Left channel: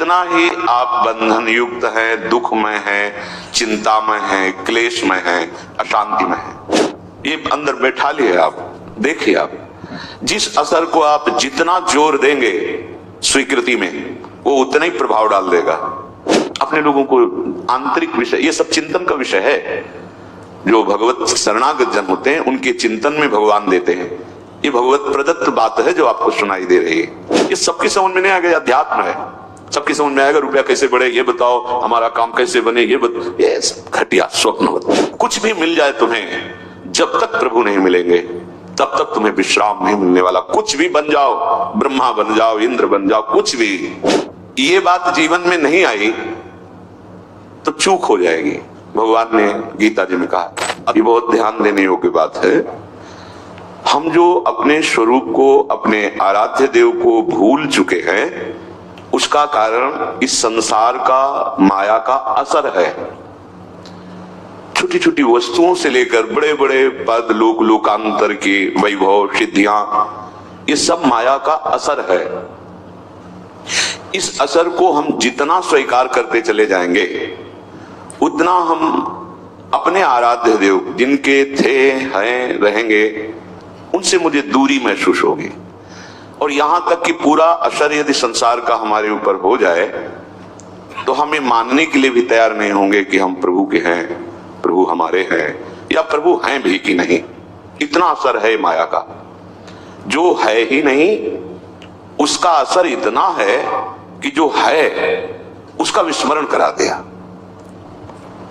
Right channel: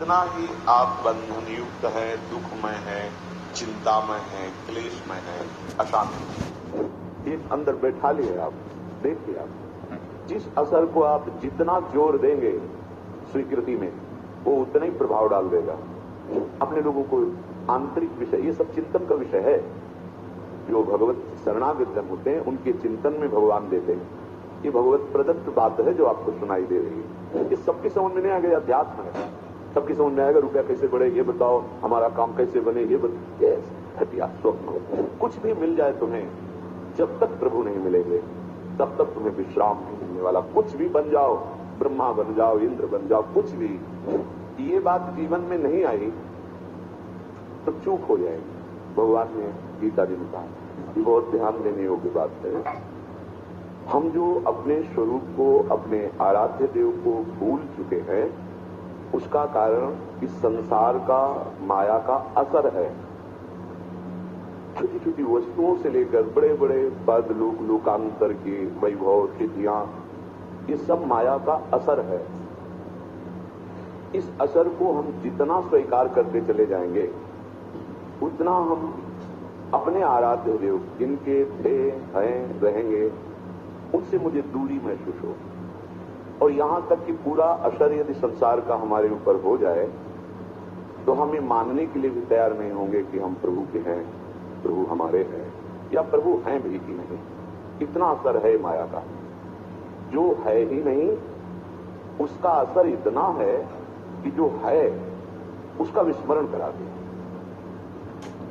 उतना ही आप बंधन युक्त है, दुख में है, चिंता में है, क्लेश में है, अशांति में है। ये अंदर बैठा लिए आप, देखिए आप जिस असर को आप जितना जोर देंगे स्वीकृति में, वो उतना ही प्रभाव डाल देगा अपने लोगों को। आंतरिक विषय, ये सब चिंतन का विषय है। जो भगवत शरणागत जन होते हैं उनके चिंतन में भगवान देते हैं। ये भगवत प्रदत्त बात है जो आपको सुनाई दे रही है। ये सबकी समझ में नहीं आएगा, अध्यात्म है, सबकी समझ में आएगा। रुपया कैसे बढ़े ये बताओ, हमारा काम कैसे बने ये ये घटिया स्वप्न। कुछ भी मिल जाए तुम्हें, जब तक प्रभु नहीं मिलेंगे तब तक तुम्हें विश्राम नहीं मिलने वाला। कुछ भी बन जाओ, ब्रह्मा बन जाओ, इंद्र बन जाओ, कुछ भी, ये बात जीवन में नहीं आई तो चूक हो जाएगी। भगवान ने गीता जी में कहा, अभी बहुत ध्यान देने योग्य बात है। हम जो अपने स्वरूप को, अपने आराध्य देव को भूल चुके हैं, उसका कारण इस संसार का, माया का असर है। छोटी छोटी वस्तुओं से लेकर बड़े बड़े पद, लोक लोकांतर के वैभव, सिद्धियां, ये सब माया का असर है। इस असर को हम जितना स्वीकार करते चले जाएंगे, उतना हम अपने आराध्य देव जिनके थे, हैं, रहेंगे, उनसे मुझे दूरी महसूस होगी। और यहां तक कि पूरा असर यदि संसार का हमारे ऊपर हो जाए तो हमें मानने के लिए भी तैयार नहीं होंगे कि हम प्रभु के हैं, प्रभु हमारे हैं, या प्रभु हैं भी कि नहीं। इतना असर है माया का। जो है ही नहीं उसका असर इतना है कि जो है उसका विस्मरण करा दिया।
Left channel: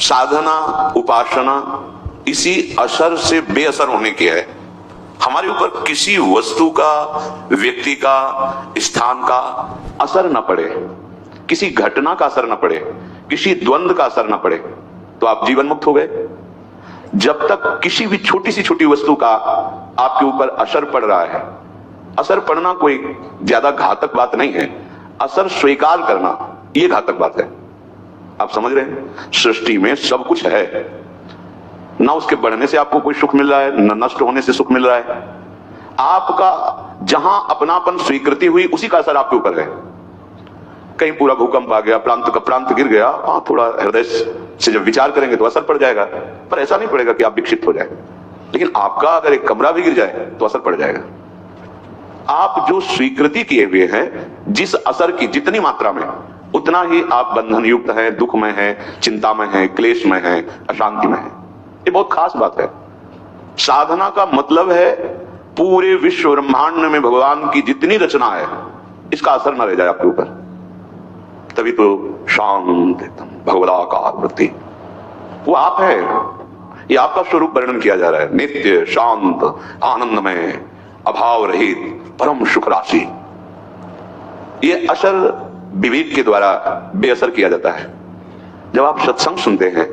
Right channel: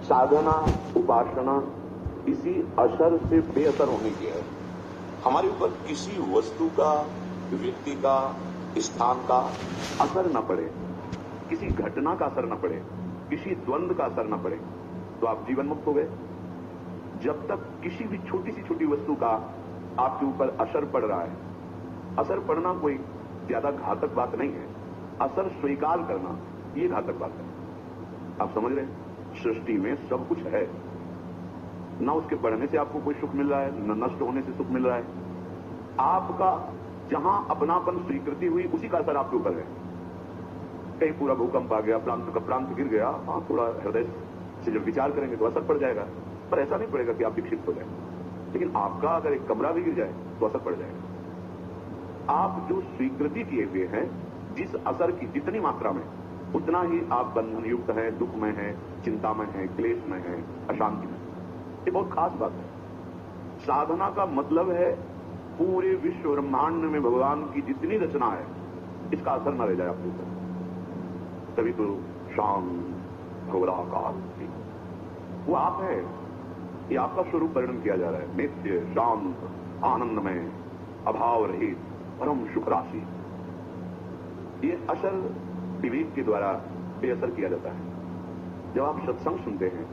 साधना, उपासना इसी असर से बेअसर होने की है। हमारे ऊपर किसी वस्तु का, व्यक्ति का, स्थान का असर न पड़े, किसी घटना का असर न पड़े, किसी द्वंद्व का असर न पड़े, तो आप जीवन मुक्त हो गए। जब तक किसी भी छोटी से छोटी वस्तु का आपके ऊपर असर पड़ रहा है, असर पड़ना कोई ज्यादा घातक बात नहीं है, असर स्वीकार करना ये घातक बात है। आप समझ रहे हैं? सृष्टि में सब कुछ है, ना उसके बढ़ने से आपको कोई सुख मिल रहा है, न नष्ट होने से सुख मिल रहा है। आपका जहां अपनापन स्वीकृति हुई उसी का असर आपके ऊपर है। कहीं पूरा भूकंप आ गया, प्रांत का प्रांत गिर गया, वहां थोड़ा हृदय से जब विचार करेंगे तो असर पड़ जाएगा, पर ऐसा नहीं पड़ेगा कि आप विक्षिप्त हो जाए। लेकिन आपका अगर एक कमरा भी गिर जाए तो असर पड़ जाएगा। आप जो स्वीकृति किए हुए हैं, जिस असर की जितनी मात्रा में, उतना ही आप बंधन युक्त है, दुख में है, चिंता में है, क्लेश में है, अशांति में है। ये बहुत खास बात है। साधना का मतलब है पूरे विश्व ब्रह्मांड में भगवान की जितनी रचना है, इसका असर न रह जाए आपके ऊपर। तभी तो शांत भगवदाकार वृत्ति, वो आप है। ये आपका स्वरूप वर्णन किया जा रहा है। नित्य, शांत, आनंदमय, अभाव रहित, परम सुख राशि। ये असर विवेक के द्वारा बेअसर किया जाता है। जब आप सत्संग सुनते हैं,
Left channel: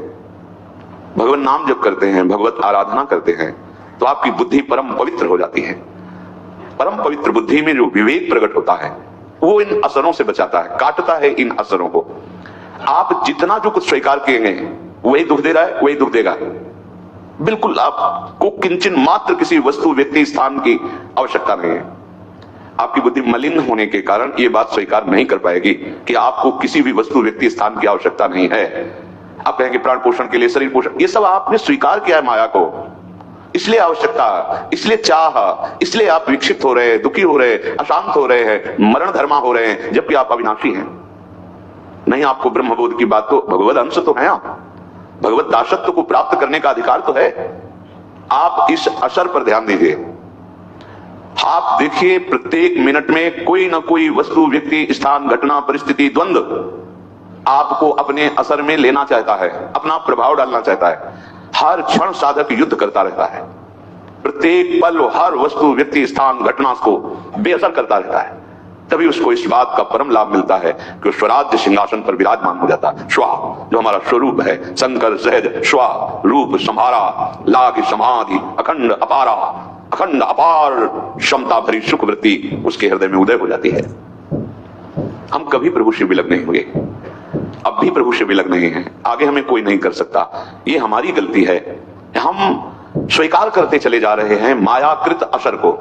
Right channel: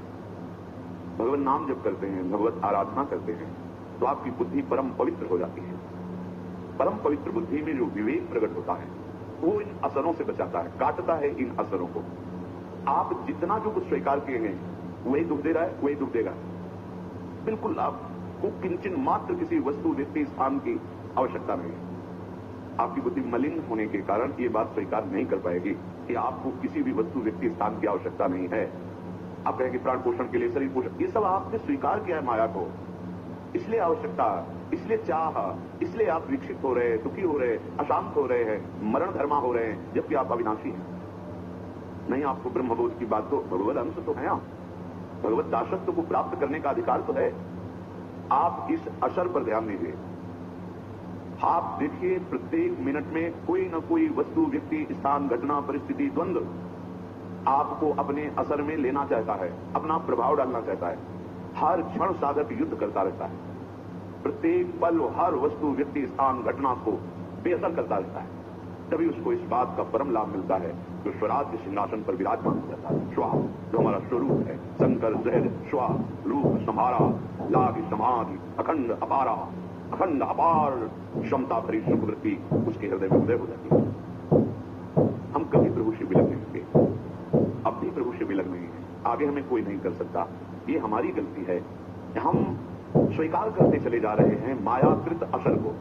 भगवान नाम जप करते हैं, भगवत आराधना करते हैं, तो आपकी बुद्धि परम पवित्र हो जाती है। परम पवित्र बुद्धि में जो विवेक प्रकट होता है, वो इन असरों से बचाता है, काटता है इन असरों को। आप जितना जो कुछ स्वीकार किएंगे, वही दुख दे रहा है, वही दुख देगा। बिल्कुल आपको किंचन मात्र किसी वस्तु, व्यक्ति, स्थान की आवश्यकता नहीं है। आपकी बुद्धि मलिन होने के कारण ये बात स्वीकार नहीं कर पाएगी कि आपको किसी भी वस्तु, व्यक्ति, स्थान की आवश्यकता नहीं है। आप कहेंगे प्राण पोषण के लिए, शरीर पोषण, ये सब आपने स्वीकार किया है माया को, इसलिए आवश्यकता, इसलिए चाह, इसलिए आप विक्षिप्त हो रहे हैं, दुखी हो रहे हैं, अशांत हो रहे हैं, मरण धर्मा हो रहे हैं, जबकि आप अविनाशी हैं। नहीं, आपको ब्रह्मबोध की बात, तो भगवत अंश तो है, आप भगवत दासत्व को प्राप्त करने का अधिकार तो है। आप इस असर पर ध्यान दीजिए। आप देखिए, प्रत्येक मिनट में कोई ना कोई वस्तु, व्यक्ति, स्थान, घटना, परिस्थिति, द्वंद्व आपको अपने असर में लेना चाहता है, अपना प्रभाव डालना चाहता है। हर क्षण साधक युद्ध करता रहता है। प्रत्येक पल हर वस्तु, व्यक्ति, स्थान, घटना को बेअसर करता रहता है। तभी उसको इस बात का परम लाभ मिलता है कि स्वराज्य सिंहासन पर विराजमान हो जाता है। स्वा, जो हमारा स्वरूप है, शंकर सहज स्वा, रूप संहारा, लाग समाधि, अखंड अपारा, अखंड अपार क्षमता भरी सुख वृत्ति उसके हृदय में उदय हो जाती है। हम कभी प्रभु से विलग नहीं हुए, अब भी प्रभु से विलग नहीं है, आगे हमें कोई नहीं कर सकता। ये हमारी गलती है। हम स्वीकार करते चले जा रहे हैं मायाकृत असर को।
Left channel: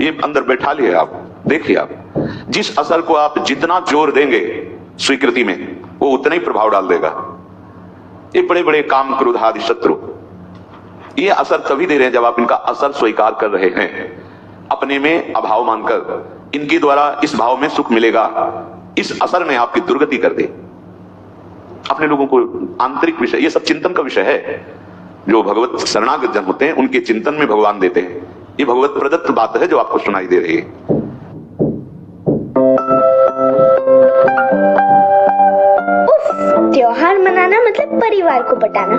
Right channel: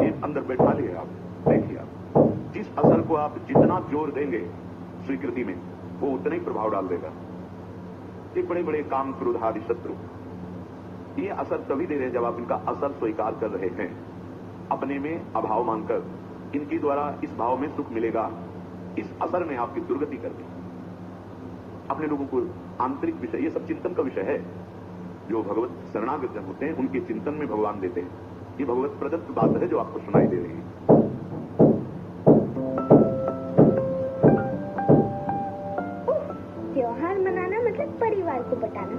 ये अंदर बैठा लिए आप, देखिए आप जिस असर को आप जितना जोर देंगे स्वीकृति में, वो उतना ही प्रभाव डाल देगा। ये बड़े बड़े काम, क्रोध आदि शत्रु, ये असर तभी दे रहे हैं जब आप इनका असर स्वीकार कर रहे हैं, अपने में अभाव मानकर इनके द्वारा इस भाव में सुख मिलेगा, इस असर में आपकी दुर्गति कर दे। अपने लोगों को आंतरिक विषय, ये सब चिंतन का विषय है। जो भगवत शरणागत जन होते हैं उनके चिंतन में भगवान देते हैं। ये भगवत प्रदत्त बात है जो आपको सुनाई दे रही है। त्योहार मनाना मतलब परिवार को बटाना।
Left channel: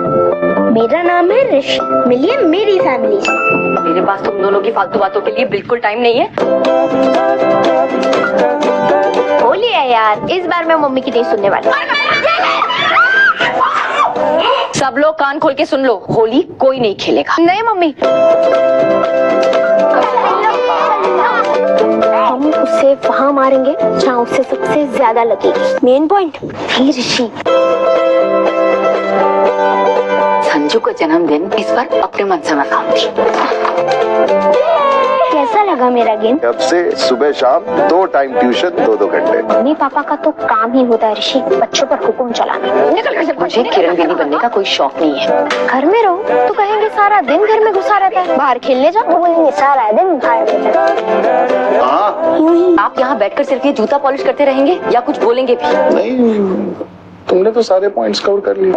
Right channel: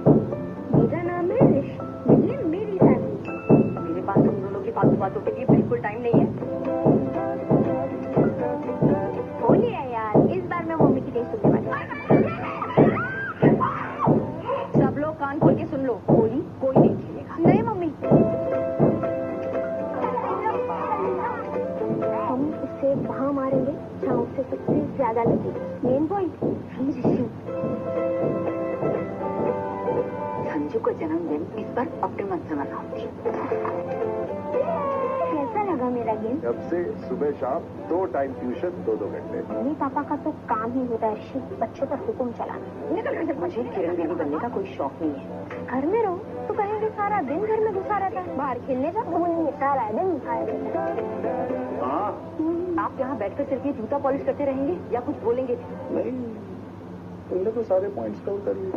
मेरा नाम है ऋषि, मिलिए मेरी फैमिली से। मेरे पास तुम दोनों की फालतू बातों के लिए बिल्कुल टाइम नहीं है। होली है यार, इस बार मैं मम्मी की नहीं सुनने वाली। सब लोग कान खोल के सुन लो, होली कोई नहीं खेलेगा। नहीं मम्मी, हम उसे वहाँ मारेंगे जहाँ उसे सबसे ज्यादा लगेगी। मेन पॉइंट भी ऋषि। संजू का जन्मदिन इस बार अपने मन से मनाऊंगी। कैसा लगा मेरा गेम? अब से सुबह शाम 2 टाइम ट्यूशन, 2-2 घंटे। मम्मी पापा का तो काम ही होता है ऋषि, बच्चों पर हुक्म चलाना। मुझे किरण दीदी बनने का कोई शौक नहीं है। घर में रहो तो कहेंगे सारा दिन घर में घुसा रहता है, बाहर खेलने जाओ तो बोलेंगे सारा दिन बाहर रहता है। आप यहाँ बैठकर सिर्फ ये जूता पॉलिश करते रहेंगे या कुछ बोलेंगे भी? नहीं, तुमने तो सारे पॉइंट्स कवर कर लिए।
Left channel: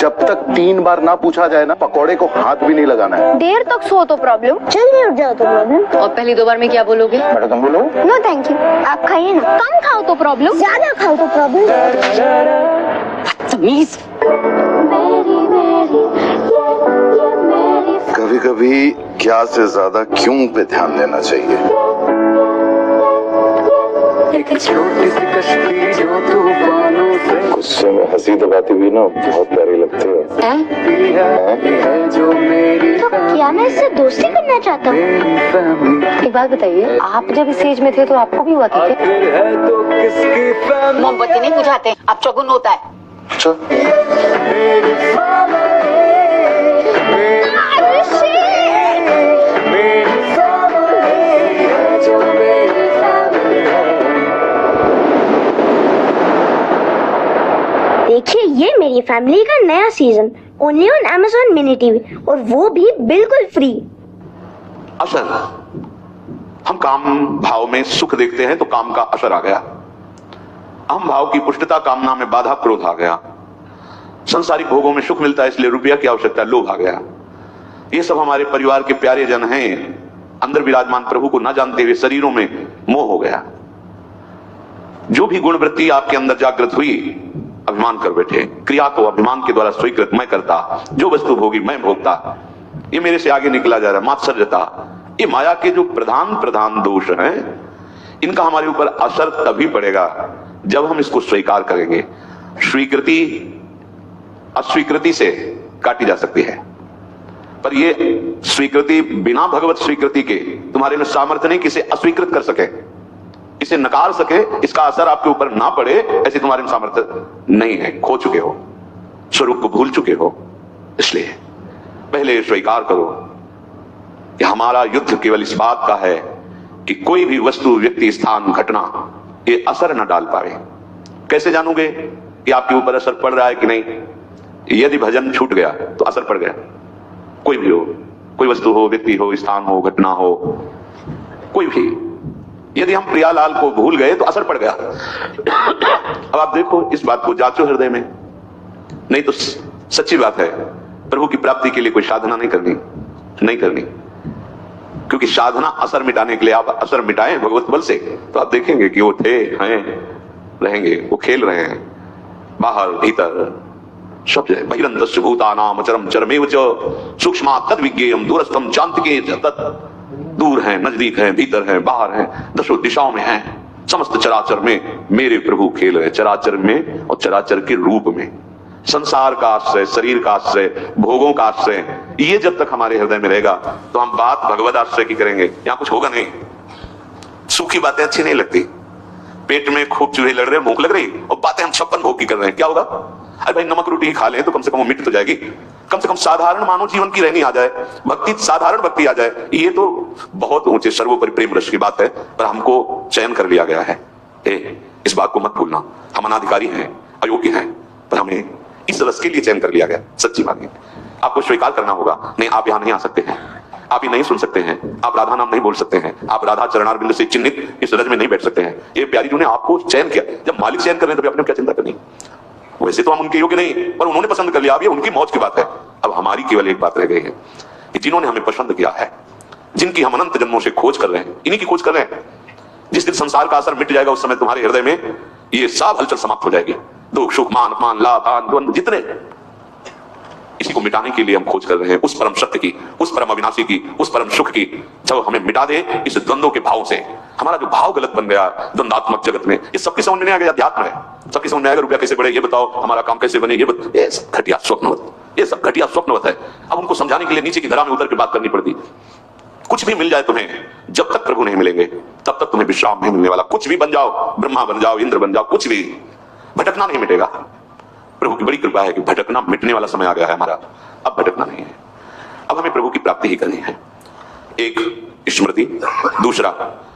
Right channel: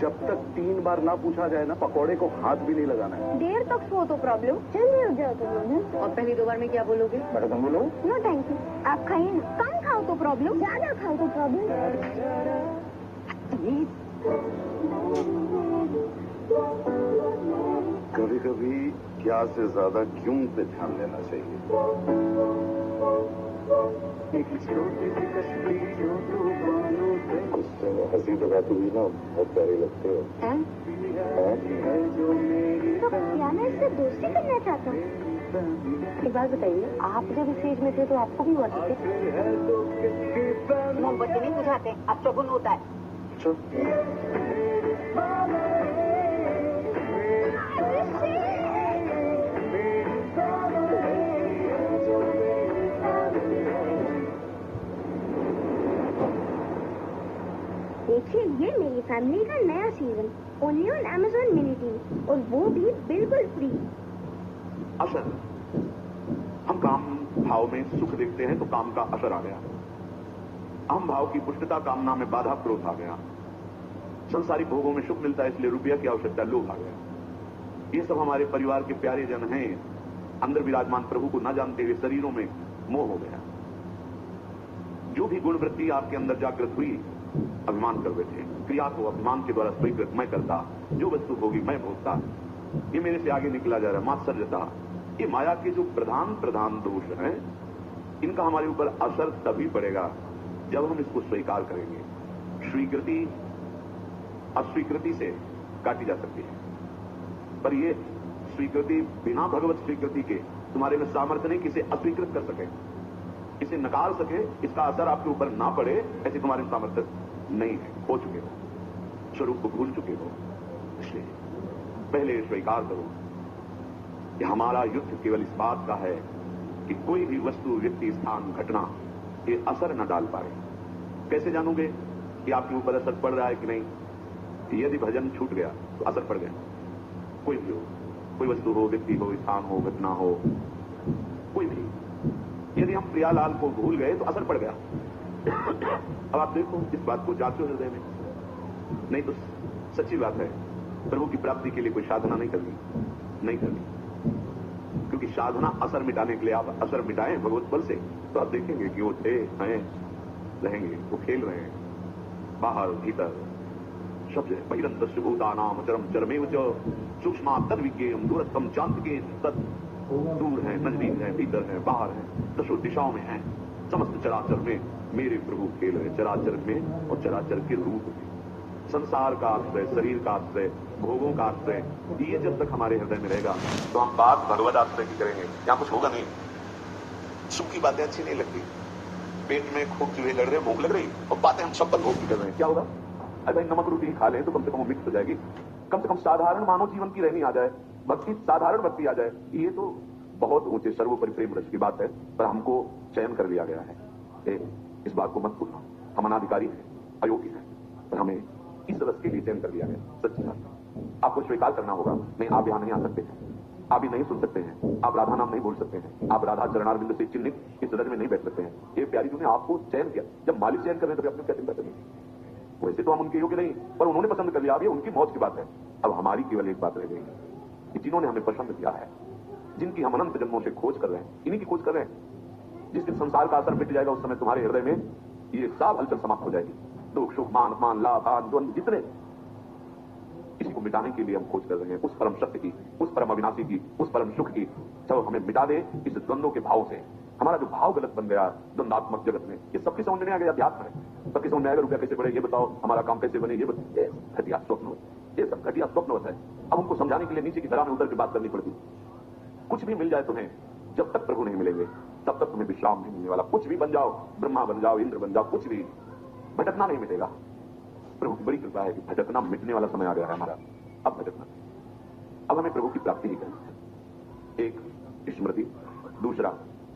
जब तक 3 बार ना पूछा जाए ना, पकौड़े को हाथ भी नहीं लगाना है। देर तक सो तो प्रॉब्लम, जल्दी उठ जाओ तो प्रॉब्लम। और पहली 2 बार में क्या बोलोगे? बेटा तुम बोलो। नो थैंक यू, आप खाइए ना। कम खाओ तो प्रॉब्लम, ज्यादा खाओ तो प्रॉब्लम। तमीज। कभी कभी क्या से ज्यादा क्यों पे ध्यान देना चाहिए। गुस्से में हंसी दबाती हुई ना बहुत प्यारी लगती है। तो क्या मैं इससे दोस्ती करना चाहता हूँ? एक बात बताइए, आप जब इस एज में थे तो आपको भी हुआ था क्या? मोमबत्ती नहीं बुझाते, अब चौगुन होता है। अच्छा, देखिए ये मेरी फैमिली का नया season, only on Amazon mini TV, और वो भी बिल्कुल फ्री। असर, हम काम भाव में सुख देखते हैं तो काम का असर आ गया। अहम भाव की पुष्टता, कामना में बाधा, क्रोध आ गया। संसारिक भोगों में सुख मिलता है इसलिए रुपया की आवश्यकता, लोभ आ गया। ये सब हमारे परिवार के प्यारे जन हैं, अंदर विराजमान प्रभु को न जानते हुए शरीरों में मोह हो गया। जो भी गुण वृत्ति आपके अंदर जागृत हुई, अभिमान कर बैठे। क्रिया को अभिमान के द्वारा स्वीकृत मैं करता, जो वस्तु भोगी मैं भोगता, ये मेरे से आगे निकला जा रहा है। मात्सर्यता, ये माया के जो प्रधान दोष हैं, इनका हमारे ऊपर असर तभी पड़ेगा जब हम इसको स्वीकार करेंगे। स्वीकृति अस्वीकृति से काटी जा सकती है, पर ये स्वीकृति बिना भगवत स्वीकृति के तुम्हारे में सामर्थ्य नहीं कि इसे अस्वीकृत कर सके, इसे नकार सके, इसका असर आपके ऊपर ना पड़े, ऐसे तुम्हारे में सामर्थ्य नहीं है। खो चुके हो, स्वरूप को भूल चुके हो। इसलिए पहले स्वीकार करो कि हमारा युद्ध केवल इस बात का है कि कोई भी वस्तु, व्यक्ति, स्थान, घटना ये असर न डाल पाए। कैसे जानोगे कि आपके ऊपर असर पड़ रहा है कि नहीं? यदि भजन छूट गया तो असर पड़ गया। कोई भी हो, कोई वस्तु हो, व्यक्ति हो, स्थान हो, घटना हो, कोई भी, यदि हम प्रियालाल को भूल गए तो असर पड़ गया। अब आप देखो, इस बात को जांचो हृदय में। नहीं तो सच्ची बात है, प्रभु की प्राप्ति के लिए कोई साधना नहीं करनी, क्योंकि साधना असर मिटाने के लिए, आप असर मिटाएं भगवत बल से तो आप देखेंगे कि वो थे, हैं, रहेंगे, वो खेल रहे हैं बाहर भीतर सब जगह। बहिरंतस्य भूतानाम अचरम चरमेव च सूक्ष्मात् तद्विज्ञेयम् दूरस्थम चान्तिके तत्। दूर है, नजदीक है, भीतर है, बाहर है, दसों दिशाओं में है। समस्त चराचर में मेरे प्रभु खेल रहे, चराचर में और चराचर के रूप में। संसार का आश्रय, शरीर का आश्रय, भोगों का आश्रय, ये जब तक हमारे हृदय में रहेगा तो हम बात भगवत आश्रय की करेंगे, यहाँ कुछ होगा नहीं। सूखी बातें अच्छी नहीं लगती। पेट में खूब चूहे लड़ रहे, भूख लग रही, और बातें हम 56 भोग की कर रहे हैं, क्या होगा? अरे भाई, नमक रोटी ही खा लें तो कम से कम वो मिट तो जाएगी। कम से कम साधारण मानव जीवन की रहनी आ जाए, भक्ति साधारण भक्ति आ जाए, ये तो बहुत ऊंचे सर्वोपरि प्रेम रस की बात है। पर हमको चयन कर लिया गया है। इस बात को मत भूलना, हम अनाधिकारी हैं, अयोग्य हैं, पर हमें इस रस के लिए चयन कर लिया गया। सच्ची बात है, आपको स्वीकार करना होगा। नहीं, आप यहां नहीं आ सकते हैं, आप ये नहीं सुन सकते हैं, आप राधा नाम नहीं बोल सकते हैं, आप राधा चरणारविंद से चिन्हित इस रज में नहीं बैठ सकते हैं। ये प्यारी जी ने आपको चयन किया। जब मालिक चयन कर रहे हैं तो अपने क्या चिंता करनी। वैसे तो हम उनके योग्य नहीं, पर उन्होंने पसंद कर लिया। अब ये उनकी मौज की बात है। अब हमारी केवल एक बात रह गई है कि जिन्होंने हमें पसंद किया है, जिनकी हम अनंत जन्मों से खोज कर रहे हैं, इन्हीं की खोज कर रहे हैं। जिस दिन संसार का असर मिट जाएगा उस समय तुम्हारे हृदय में ये सब हलचल समाप्त हो जाएगी। दुख सुख मान अपमान लाभ आन द्वंद्व जितने, इसी को मिटाने के लिए हम खोज कर रहे हैं, उस परम सत्य की, उस परम अविनाशी की, उस परम सुख की। जब हमें मिटा दे इस द्वंद्वों के भाव से, हमारा जो भाव गलत बन गया द्वंद्वात्मक जगत में, ये सबकी समझ में नहीं आ गया। अध्यात्म है, सबकी समझ में आएगा। रुपया कैसे बढ़े ये बताओ, हमारा काम कैसे बने ये बताओ। ये सब घटिया स्वप्नवत, ये सब घटिया स्वप्नवत है। अब उनको समझाने के लिए नीचे की धरा में उतर के बात करनी पड़ती। कुछ भी मिल जाए तुम्हें, जब तक प्रभु नहीं मिलेंगे तब तक तुम्हें विश्राम नहीं मिलने वाला। कुछ भी बन जाओ, ब्रह्मा बन जाओ, इंद्र बन जाओ, कुछ भी, भटकना नहीं मिटेगा। प्रभु की बड़ी कृपा है कि भटकना मिटने वाला समय आ गया है हमारा। अब भटकना नहीं है, अब हमें प्रभु की प्राप्ति ही करनी है। एक स्मृति, दूसरा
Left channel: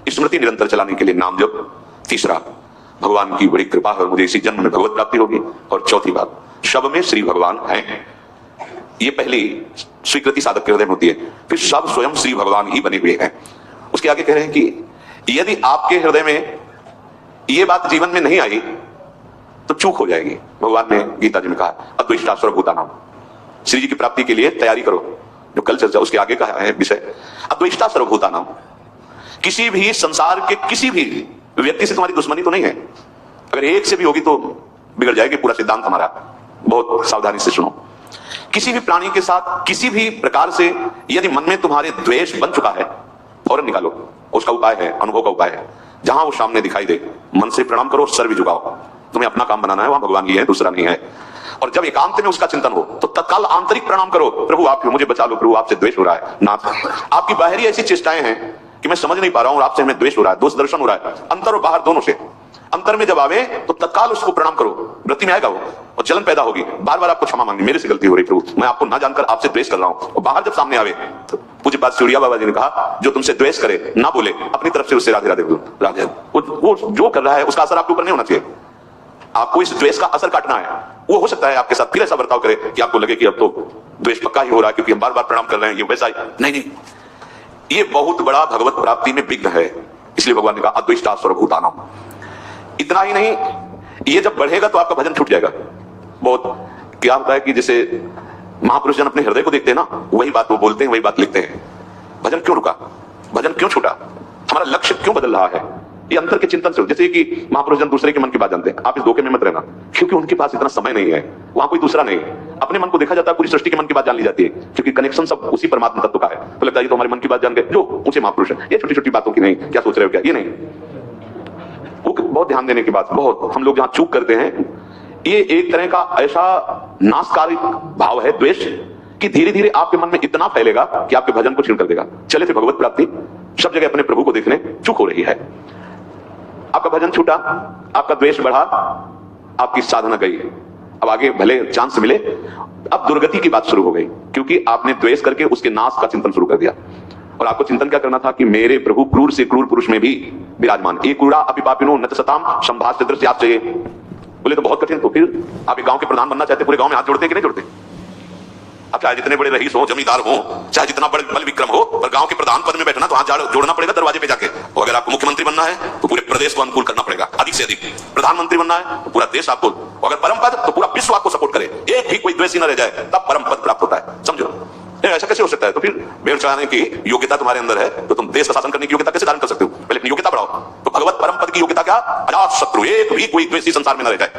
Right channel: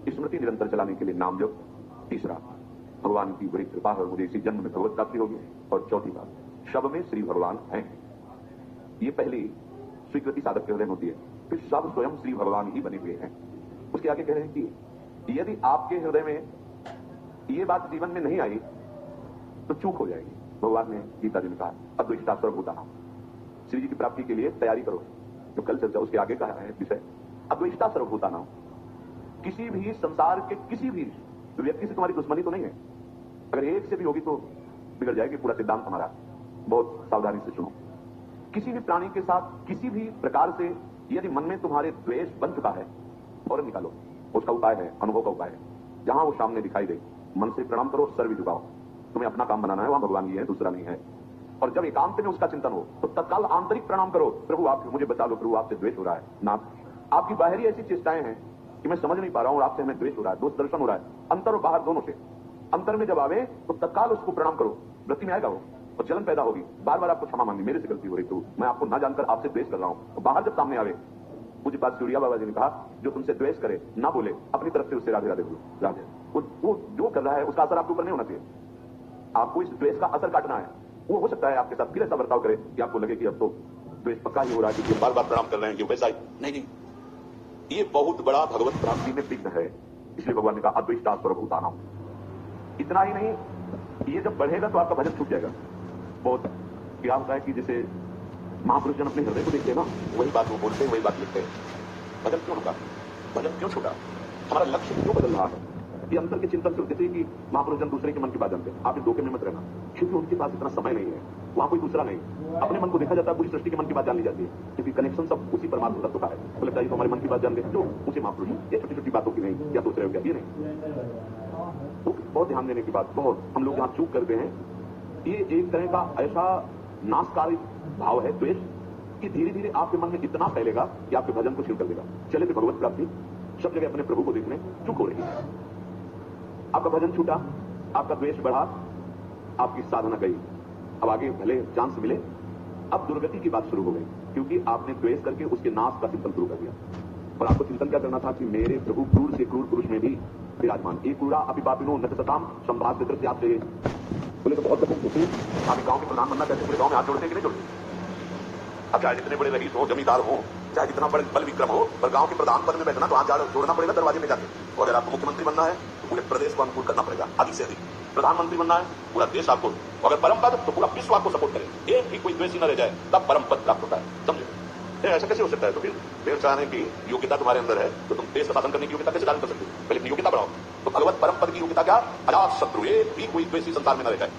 स्मृति निरंतर चलाने के लिए नाम जप, तीसरा भगवान की बड़ी कृपा है और मुझे इसी जन्म में भगवत प्राप्ति होगी, और चौथी बात सब में श्री भगवान हैं। ये पहली स्वीकृति साधक के हृदय में होती है, फिर सब स्वयं श्री भगवान ही बने हुए हैं। उसके आगे कह रहे हैं कि यदि आपके हृदय में ये बात जीवन में नहीं आई तो चूक हो जाएगी। भगवान ने गीता जी में कहा अद्वैष्टा सर्वभूतानां, श्री जी की प्राप्ति के लिए तैयारी करो। जो कल चर्चा उसके आगे का है विषय, अद्वैष्टा सर्वभूतानां। किसी भी संसार के किसी भी व्यक्ति से तुम्हारी दुश्मनी तो नहीं है। अगर एक से भी होगी तो बिगड़ जाएगी पूरा सिद्धांत हमारा। बहुत सावधानी से सुनो। किसी भी प्राणी के साथ किसी भी प्रकार से यदि मन में तुम्हारे द्वेष बन चुका है, फौरन निकालो। उसका उपाय है, अनुभव का उपाय है। जहां वो सामने दिखाई दे मन से प्रणाम करो, सर भी झुकाओ। तुम्हें अपना काम बनाना है, वहां भगवान ही है, दूसरा नहीं है। और जब एकांत में उसका चिंतन हो तो तत्काल आंतरिक प्रणाम करो, प्रभु आप मुझे बचा लो, प्रभु आपसे द्वेष हो रहा है। नाथ, आपकी बाहरी ऐसी चेष्टाएं हैं कि मैं समझ नहीं पा रहा हूं, आपसे हमें द्वेष हो रहा है, दोष दर्शन हो रहा है, अंतर और बाहर दोनों से। अंतर में जब आवे तो तत्काल उसको प्रणाम करो, वृत्ति में आएगा वो और जलन पैदा होगी। बार बार आपको क्षमा मांगनी, मेरे से गलती हो रही प्रभु, मैं आपको ना जानकर आपसे द्वेष कर रहा हूं। और बाहर जब सामने आवे तो पूज्य बात चिड़िया बाबा जी ने कहा, जो तुमसे द्वेष करे ना बोले, अपनी तरफ से उससे राधे राधे बोलो। राधे वो जो कर रहा है उसका असर आपके ऊपर नहीं होना चाहिए। आपको इस द्वेष का असर काटना है। वो हो सकता है आपके साथ फिर ऐसा बर्ताव करे कि आपको लगे कि अब तो द्वेष पक्का ही हो रहा है क्योंकि हम बार बार प्रणाम कर रहे हैं, ये वैसा ही नहीं। ये बहुत बड़ा भगवत प्राप्ति में विघ्न है। इसलिए भगवान ने कहा अद्वैष्टा सर्वभूतानां। इतना ही नहीं, ये जब बढ़ेगा तो आपका भजन छूट जाएगा। बहुत क्या होता है कि जैसे महापुरुष जन अपने हृदय को देखते हैं ना, वही बात वो बोलते हैं, वही बात लिखते हैं। भजन क्यों रुका, भजन क्यों छूटा, हमारा लक्ष्य क्यों बदल रहा है, ये अंतर के चिंतन से हो। जैसे कि महापुरुष जन दूसरे के मन की बात जानते हैं, आप इस धोखे में मत रहना, क्योंकि उनके पास इतना समय नहीं है, वहां कोई दूसरा नहीं। अपने मन को देखा जाता है, पूरी सृष्टि के मन की बात जान ली जाती है, क्योंकि कनेक्शन सब उसी परमात्मा तत्व का है। तो लगता है तो हमारे मन की बात जान गए, जो ऊंचे महापुरुष है। ये छोटी छोटी बातों की नहीं, क्या सोच रहे हो क्या, ये नहीं। वो बहुत ध्यान देने की बात, बहुत हम लोग जहां चूक करते हैं, ये एक तरह का ऐसा नाशकारी भाव है द्वेष कि धीरे धीरे आपके मन में इतना फैलेगा कि आपके भजन को छीन कर देगा। चले थे भगवत प्राप्ति, सब जगह अपने प्रभु को देखने चूक हो रही है। आपका भजन छूटा, आपका द्वेष बढ़ा, आपकी साधना गई। अब आगे भले चांस मिले, अब दुर्गति की बात शुरू हो गई, क्योंकि आपने द्वेष करके उसके नाश का चिंतन शुरू कर दिया। और आपको चिंतन क्या करना था कि मेरे प्रभु क्रूर से क्रूर पुरुष में भी विराजमान। एक क्रूरा अपि पापिनो न सताम संभाष्य दृश्यात चाहिए। बोले तो बहुत कठिन। तो फिर आप एक गांव के प्रधान बनना चाहते, पूरे गांव में हाथ जोड़ते कि नहीं जोड़ते? अब चाहे जितने बड़े रईस हो, जमींदार हो, चाहे जितना बड़े बल विक्रम हो, पर गांव के प्रधान पद में बैठना तो हाथ जोड़ना पड़ेगा दरवाजे पे जाके। और अगर आपको मुख्यमंत्री बनना है तो पूरे प्रदेश को अनुकूल करना पड़ेगा, अधिक से अधिक। प्रधानमंत्री बनना है तो पूरा देश आपको, अगर परम पद तो पूरा विश्व आपको सपोर्ट करे, एक भी कोई द्वेषी न रह जाए, तब परम पद प्राप्त होता है। समझो, ऐसा कैसे हो सकता है? तो फिर भेड़ चढ़ाने की योग्यता तुम्हारे अंदर है तो तुम देश का शासन करने की योग्यता कैसे धारण कर सकते हो? पहले अपनी योग्यता बढ़ाओ। तो भगवत परम पद की योग्यता क्या? अजात शत्रु, एक भी कोई द्वेषी संसार में न रह जाए।